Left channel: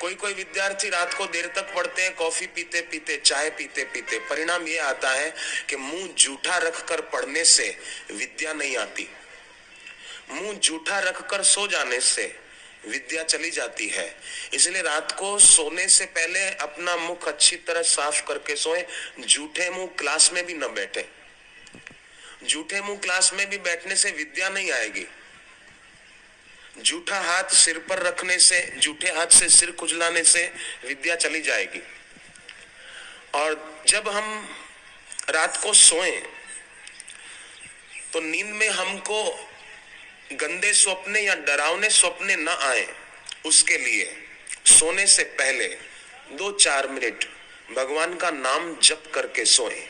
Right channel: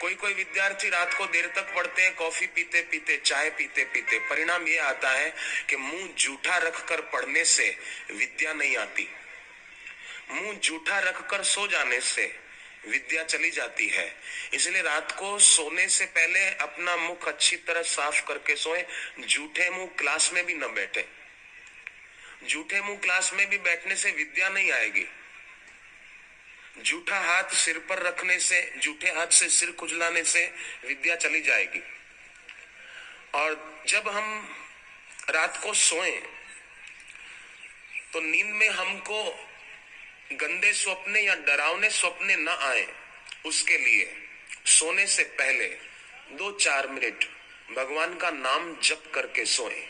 कोई कोई विद्यार्थी रात को देर तक पढ़ते हैं, कॉफी पीते पीते, चाय पीते पीते। परिणाम ये आता है कि मुंह जूठा रखकर पढ़ने से विद्या नहीं आती। मुंह जूठा रखकर सो जाने से विद्या चली जाती है। इसलिए रात को सोने से पहले अपना मुख अच्छी तरह साफ करके सोएं। जूठे मुंह क्लास में भी न बैठे। जूठे मुंह क्लास में भी बैठने से विद्या नहीं आएगी। जूठा हाथ सिर पर रखने से, जूठे हाथ से सिर खुजलाने से विद्या चली जाएगी। और जब हम रात को सोएं तो नींद में हमको गंदे सपने या डरावने सपने न आए, उसके लिए सोने से पहले 2-4 मिनट भगवान का नाम जप करके सोएं।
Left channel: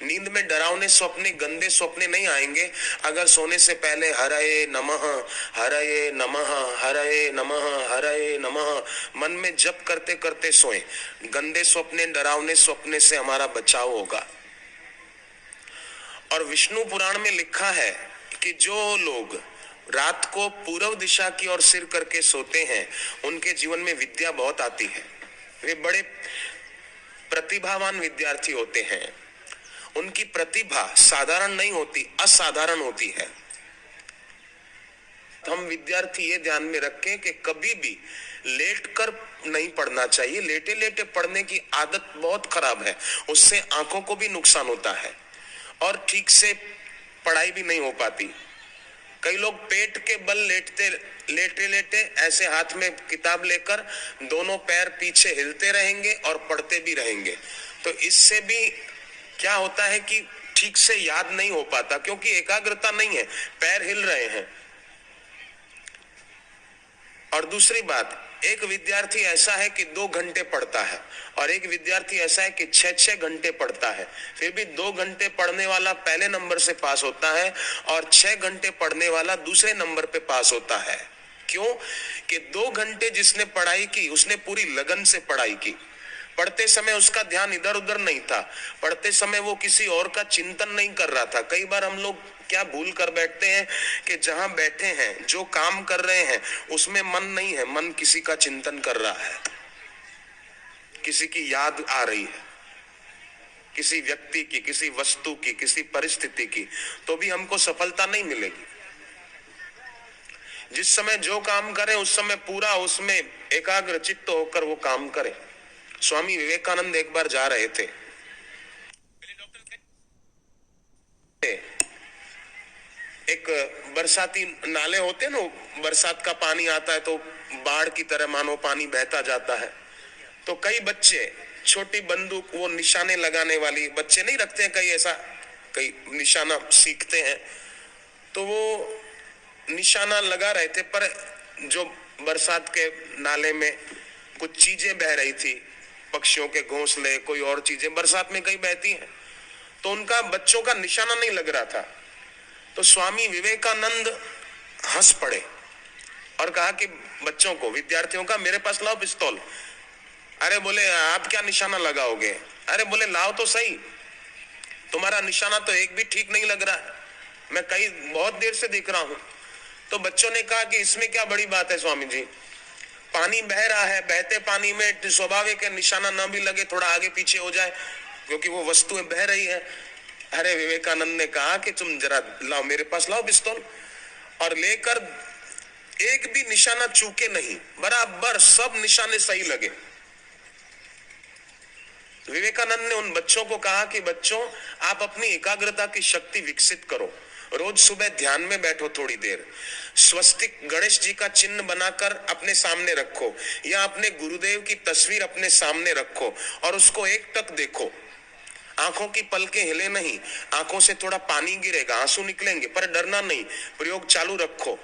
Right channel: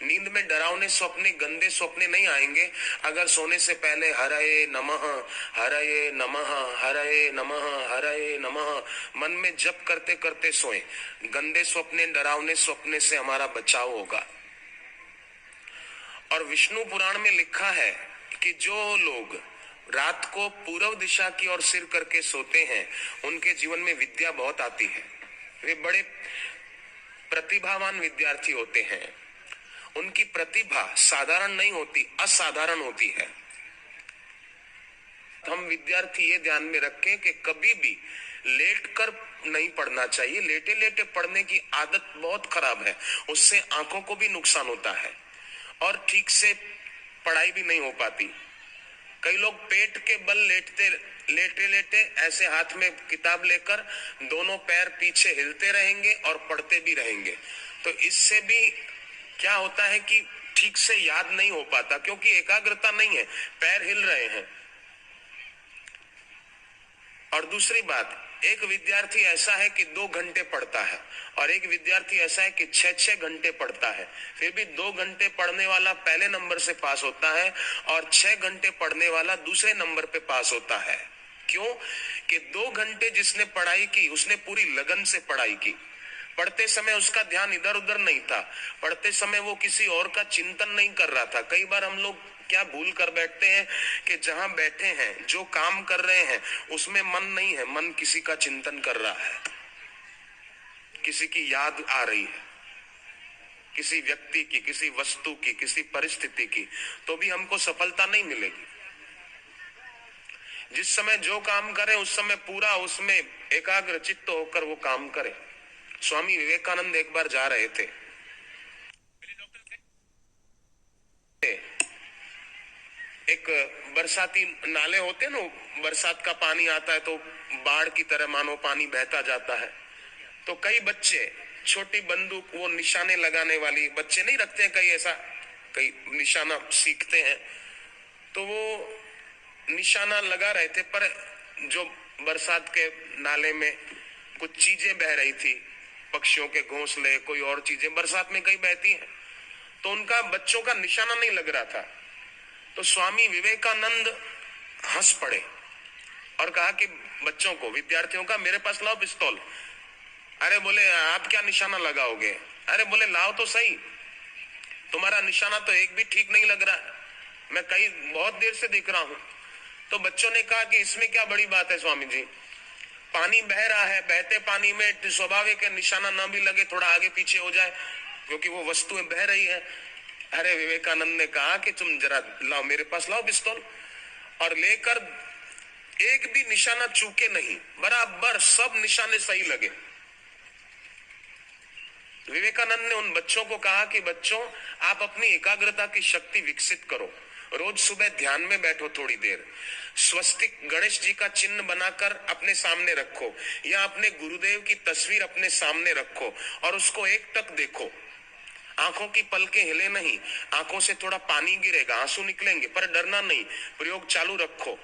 नींद में डरावने सपने, गंदे सपने नहीं आएंगे अगर सोने से पहले हरये नमः, हरये नमः, हरये नमः, हरये नमः मन में जप करते करते सोएं। गंदे सपने, डरावने सपने से हमारा बचाव होगा। और विष्णु पुराण में लिखा है कि जो लोग रात को पूर्व दिशा की ओर सिर करके सोते हैं उनके जीवन में विद्या बहुत आती है। वे बड़े प्रतिभावान विद्यार्थी होते हैं। उनकी प्रतिभा साधारण नहीं होती, असाधारण होती है। हम विद्यार्थी ये ध्यान में रखें कि कभी भी लेटकर नहीं पढ़ना चाहिए। लेटे लेटे पढ़ने की आदत बहुत खराब है, उससे आंखों को भी नुकसान होता है और ठीक से पढ़ाई भी नहीं हो पाती। कई लोग पेट के बल लेटे लेटे ऐसे हाथ में किताब लेकर दोनों पैर पीछे हिलते रहेंगे और पढ़ते भी रहेंगे। तो इससे भी क्या होता है कि ठीक से याद नहीं हो पाता, क्योंकि एकाग्रता नहीं है, पैर हिल रहे हैं। और दूसरी बात, एक विद्यार्थी ऐसा है कि 2 घंटे पढ़ता है और एक विद्यार्थी ऐसा है कि 6-6 घंटे पढ़ता है। फिर भी 2 घंटे पढ़ने वाला पहले नंबर से पास होता है और 6 घंटे पढ़ने वाला दूसरे नंबर पे पास होता है। क्यों? कि 2 घंटे जिसने पढ़ाई की उसने पूरी लगन से पढ़ाई की। पढ़ते समय उसका ध्यान इधर उधर नहीं था, पढ़ते समय वो किसी और का चिंतन नहीं कर रहा था। कई बार हम लोग क्या भूल कर बैठते हैं कि जहां बैठे हैं, जो काम कर रहे हैं उसमें मन नहीं है, मन किसी का चिंतन कर रहा है, किसी की याद आ रही है, किसी व्यक्ति की, किसी वस्तु की, किसी परिस्थिति की, तो भी हमको सफलता नहीं मिलेगी। जिस समय जो काम करें उस समय पूरा उसमें एकाग्र चित्त होकर वो काम करें। स्वामी विवेकानंद एक बार जा रहे थे, एक बरसाती नाले होते हैं ना, बरसात का पानी आता है तो बाढ़ की तरह मानो पानी बहता जाता है। तो कई बच्चे छोटी बंदूक, वो निशाने लगाने वाली बच्चे नहीं रखते हैं, कई ऐसा कई निशाना सीखते हैं, तो वो निशाना लगा रहे थे। पर जो बरसात के नाले में कुछ चीजें बह रही थी, पक्षियों के घोंसले, कोई और चीजें बरसात में कई बहती हैं, तो उनका बच्चों का निशाना नहीं लग रहा था। तो स्वामी विवेकानंद हंस पड़े और कहा कि बच्चों को, विद्यार्थियों का, मेरे पास लाओ पिस्तौल। अरे बोले आप क्या निशाना लगाओगे? अरे बोले लाओ तो सही, तुम्हारा निशाना तो एक भी ठीक नहीं लग रहा है, मैं कई बहुत देर से देख रहा हूं। तो बच्चों ने कहा कि इसमें क्या बड़ी बात है स्वामी जी, पानी बह रहा है, बहते पानी में स्वाभाविक है निशाना ना भी लगे, थोड़ा आगे पीछे हो जाए, क्योंकि वो वस्तुएं बह रही है। अरे विवेकानंद ने कहा कि तुम जरा लाओ, मेरे पास लाओ पिस्तौल, और लेकर एक भी निशाना चूके नहीं, बराबर सब निशाने सही लगे। विवेकानंद ने उन बच्चों को कहा कि बच्चों, आप अपनी एकाग्रता की शक्ति विकसित करो। रोज सुबह ध्यान में बैठो थोड़ी देर, स्वस्तिक गणेश जी का चिन्ह बनाकर अपने सामने रखो, या अपने गुरुदेव की तस्वीर अपने सामने रखो और उसको एकटक देखो। आंखों की पलकें हिले नहीं, आंखों से थोड़ा पानी गिरेगा, आंसू निकलेंगे, पर डरना नहीं, प्रयोग चालू रखो।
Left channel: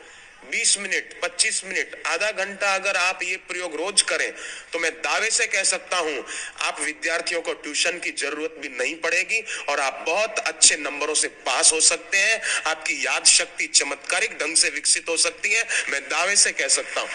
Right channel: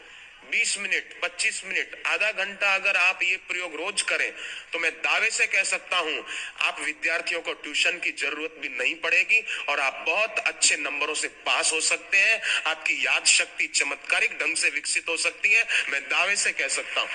20 मिनट, 25 मिनट, आधा घंटा अगर आप ये प्रयोग रोज करें तो मैं दावे से कह सकता हूं आप विद्यार्थियों को ट्यूशन की जरूरत भी नहीं पड़ेगी और आप बहुत अच्छे नंबरों से पास हो सकते हैं। आपकी याद शक्ति चमत्कारिक ढंग से विकसित हो सकती है, मैं दावे से कह सकता हूं।